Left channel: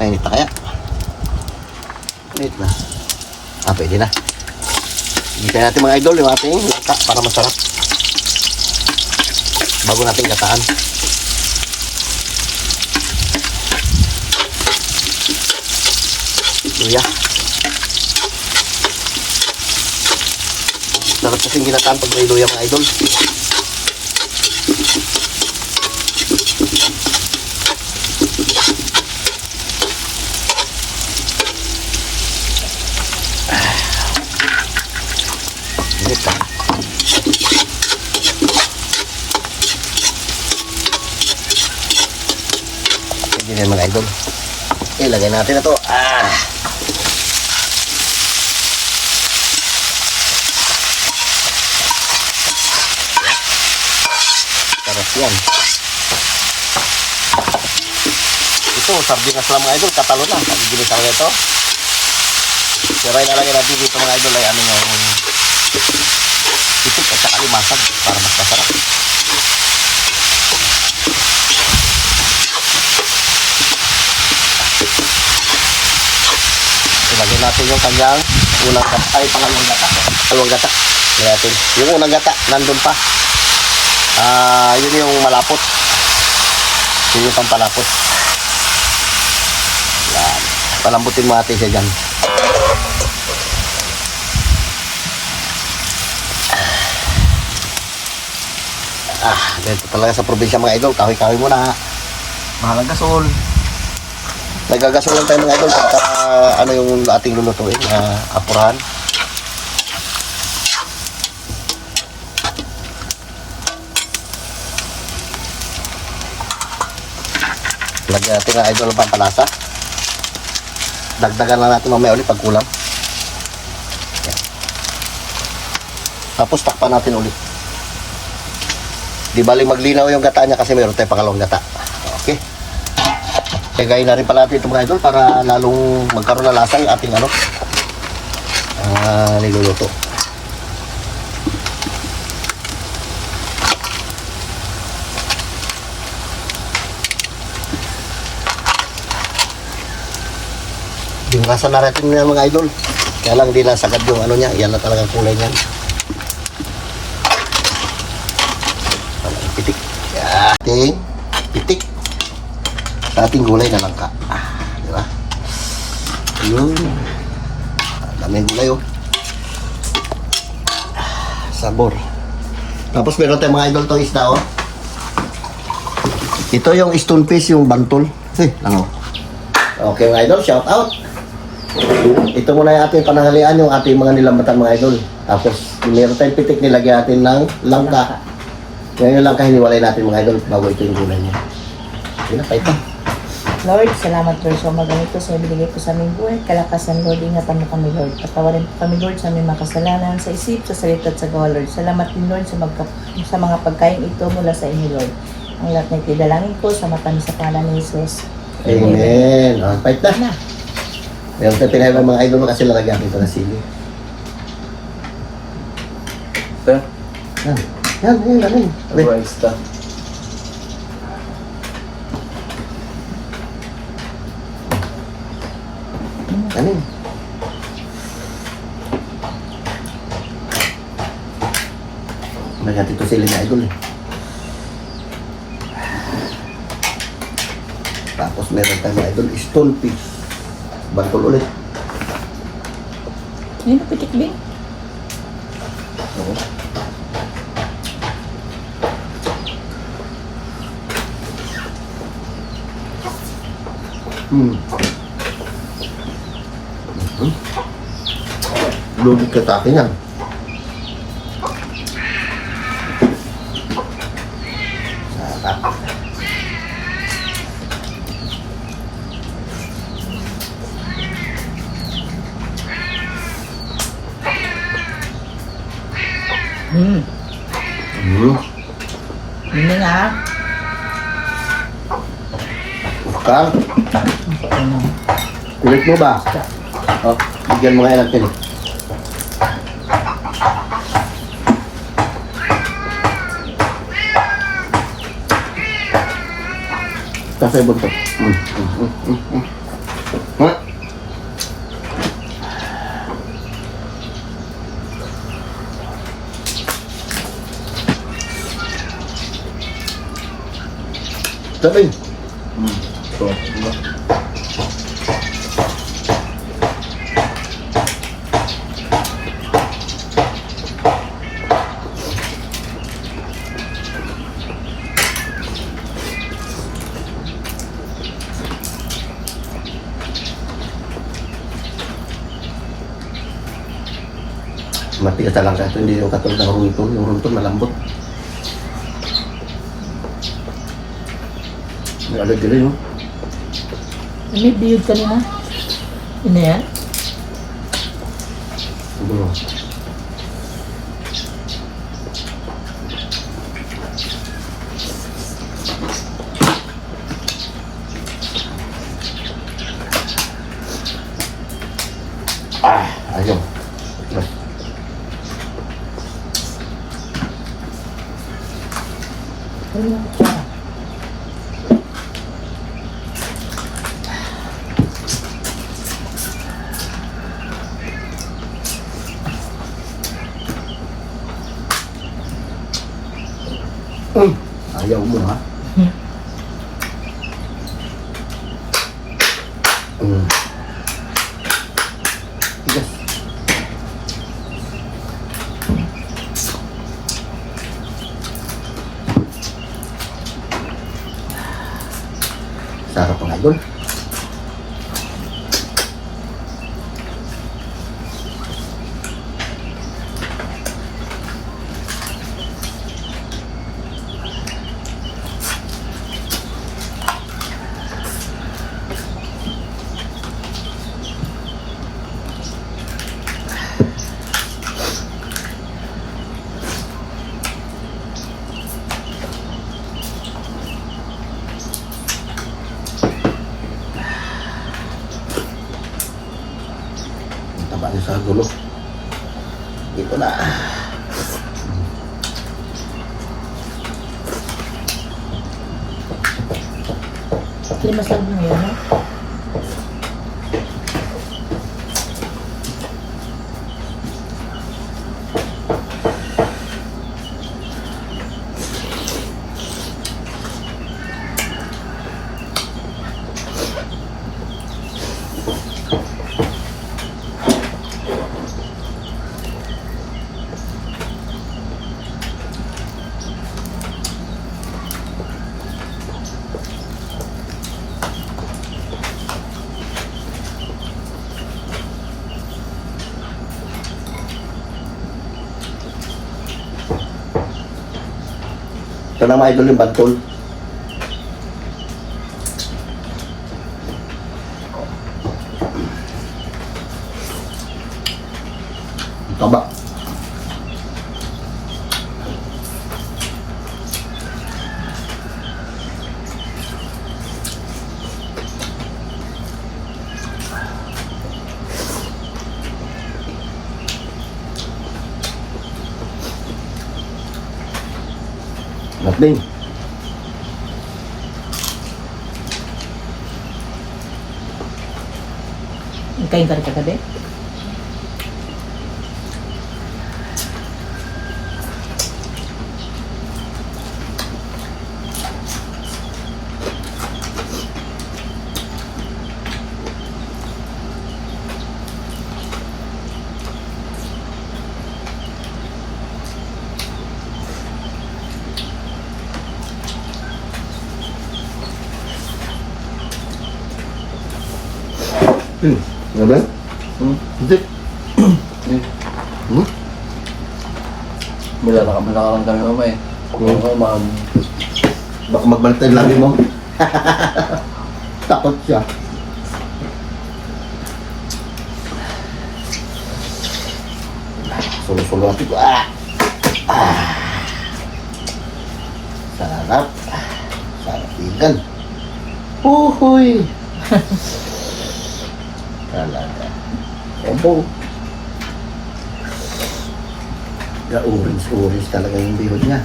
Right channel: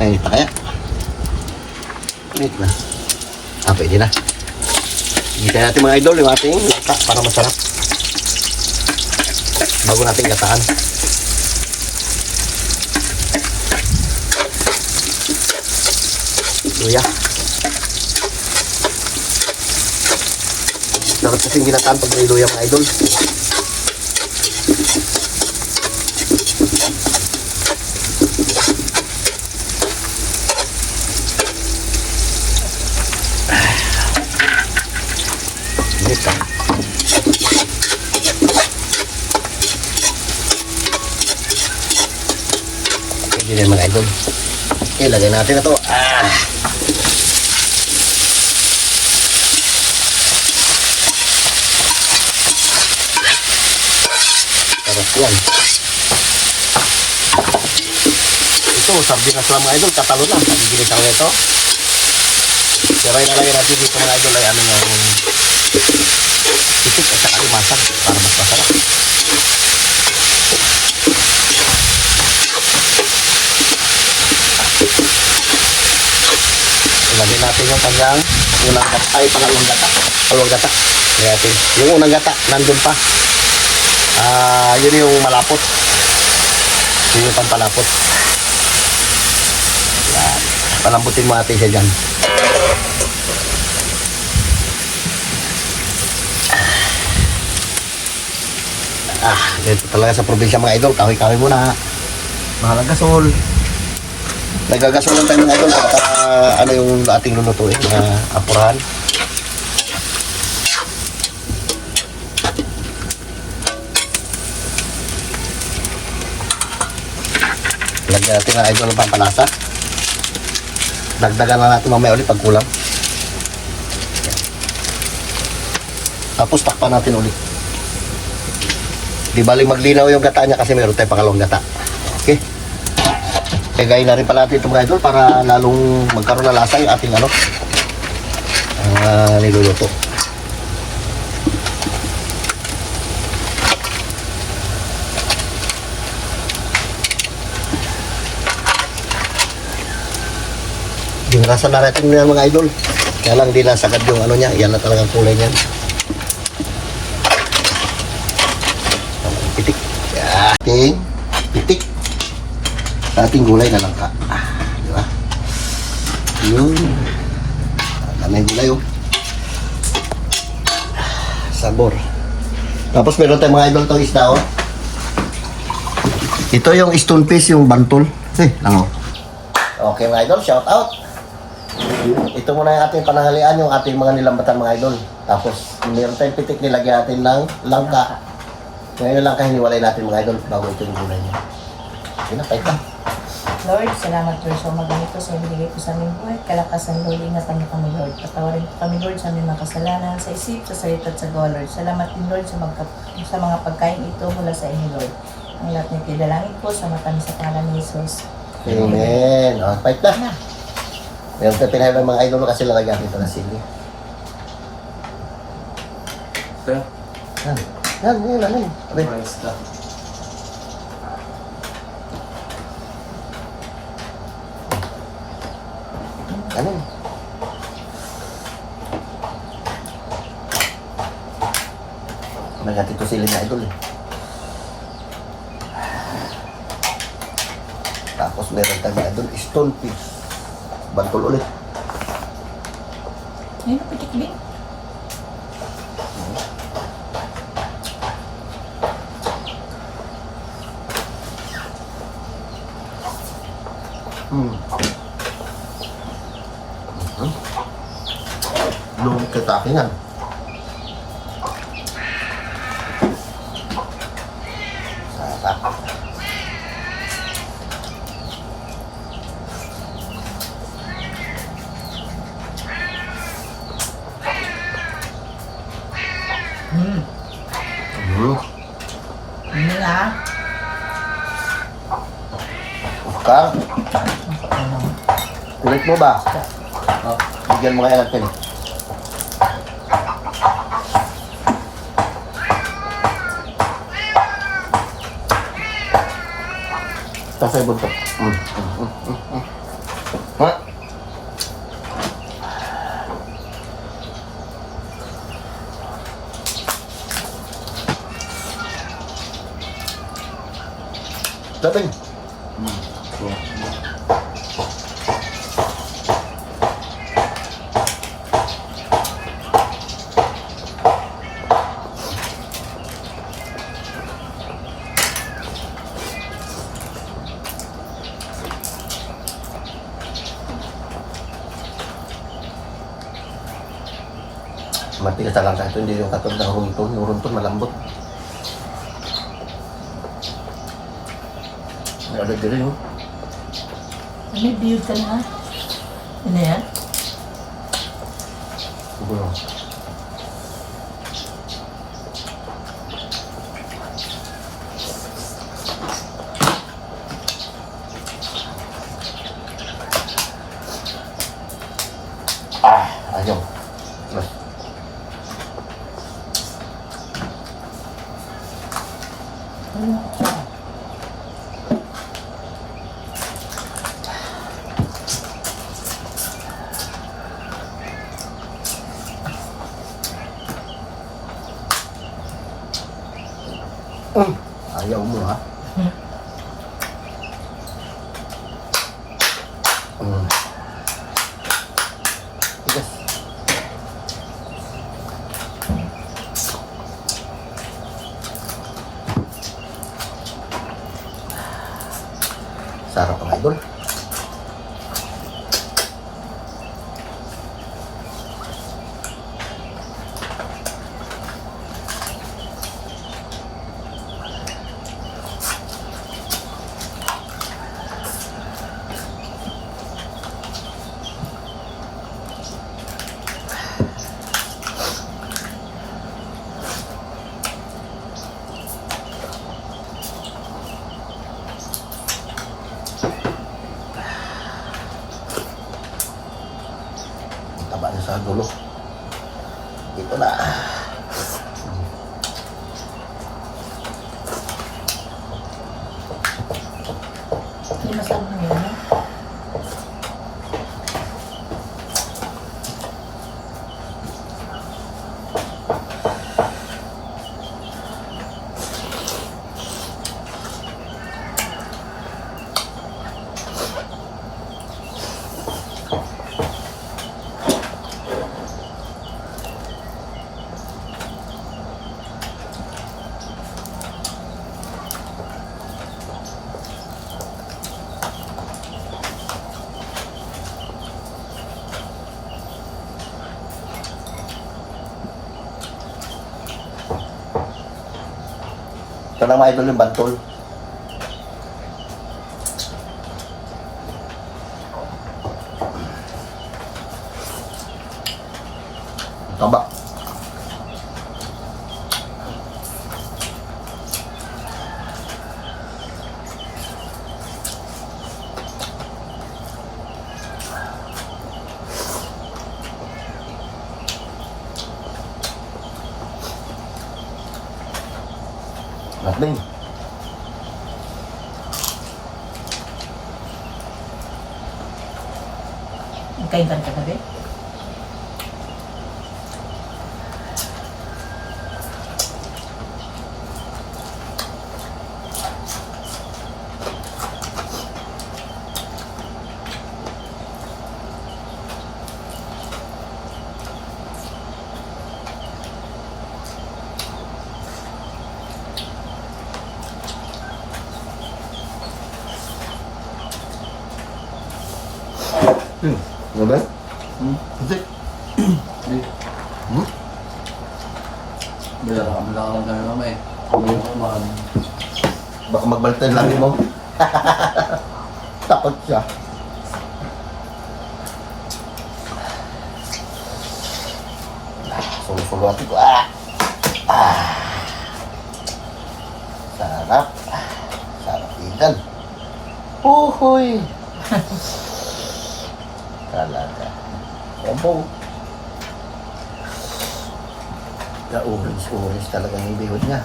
Mainit pa kaya? Mainit na. Pwede na. Hintayin natin mga idol yung ating gata para masarap. Bago natin gataan. Luya. Sarap kasing ginataan pag may luya mga idol. Pwede din mga idol. Okay, lagay natin na to. Sarap yan. Ito, sardinas lang mga idol. Katalo lang. Pag-gilis ako ito. Pero yung nalagay natin dito mga idol ay ano yung itik at saka limasag para mas masarap. Ilagay natin yung kanyang unang gata. Ay, pangalawang gata. Ay, yung gata. Natin. Yung unang gata, nandun pa. Yun yung malapot. Yun yung pampalapot. Yan. Palambutin mo natin siya dyan. Dito talaga sa probinsya mga idol, kahoy-kahoy muna. Mahalang gasol. Nagagasol lang tayo mga idol para ano yung ating lulutuin na apurahan. Lagyan natin na idol ng pampalasa. Dagdagan na natin mamaya ulit pag kulang. Tapos takpan natin ulit. Di bali maglinaw yung gata niya kasi meron tayong pangalawang gata. Okay. Kagayin na rin pala natin ito mga idol para lalong magkaroon na lasa yung ating niluluto. Ginakasan na natin yung mga idol. Kaya lang di nasagad yung ano niya. Yan na talagang kulay niyan. Pitik. Ating pitik. Ating gulay na langka. Diba? Yun. Dami gulay oh. Sabor. Tapos meron tayong mga idol itong isda oh. Ito yung stone fish, yung bantol. Okay mga idol, shout out. Ito muna yung ating pananghalian, yung ating mga nilambatan mga idol. Tapos meron tayong pitik, nilagyan natin ng langka. Ngayon yung langka hiniwalay natin mga idol bago ito yung gulay niya. Okay na, kahit na. Lord, salamat Lord sa umagang ito sa ibigay ko sa aming buhay. Kalakasan Lord, ingatan mo kami Lord. Patawarin po kami Lord sa aming mga kasalanan, sa isip, sa salita at sa gawa Lord. Salamat din Lord sa mga pagkain ito mula sa inyo Lord. Ang lahat na itidalangin ko sa mata sa pangalan ni Jesus. Amen. O, kahit na. Meron tayo pinahirap mga idol kasi lalagyan ito ng sili. Ito? Yan. Rice ta. Ano? May natin ito sili na idol eh. Tapos meron tayo mga idol, stone fish. Bantol ulit. Ayun, pitik bing. Oo. Lubig ka sa akin yan. Sarap. Hindi nga. Kang, kulit mo ba? Oh, bigyan mo kaya natin. Tapos ay buntot. Matigas na lang sa ito, hindi yung katulad ng runton. Yung runton malambot. May agad din yun. May biyod kanina. Ano yan? Siguro. Ayun. Terus. Ano yung kutsara? Ayaw mo ha? Tigas. Sarap ang idol. Ang taba niya sa gulo. Dito na. Limasag mo yan, no? Ito na mga idol yung bantol. Ang taba. Nothing. Kain ka rin kagabi? Ano ba? Hindi. Malakalang kami mamay. Baka magbalik tayo lagi mo. Takot siya. Sulo-sulo natin ko. Sarap. Sarap ikan. Uhuy. Talaga. Obo. Orange talaga yung bihod niya.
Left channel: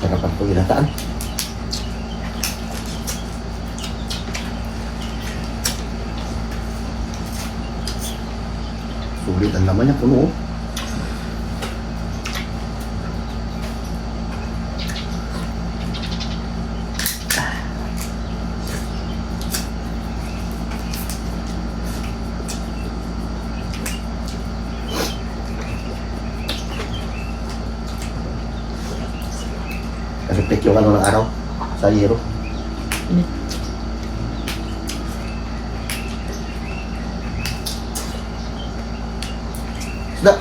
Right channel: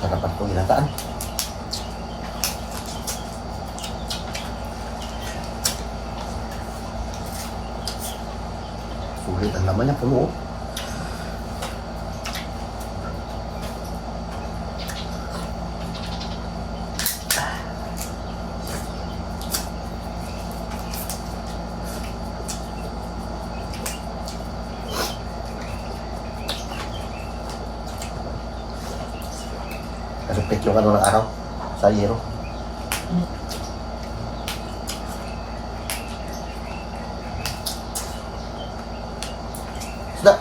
Sarapan itong ginataan. Sulit ang laman niya, puno. Oh. Reflect yung ano ng araw sa hero. Isda.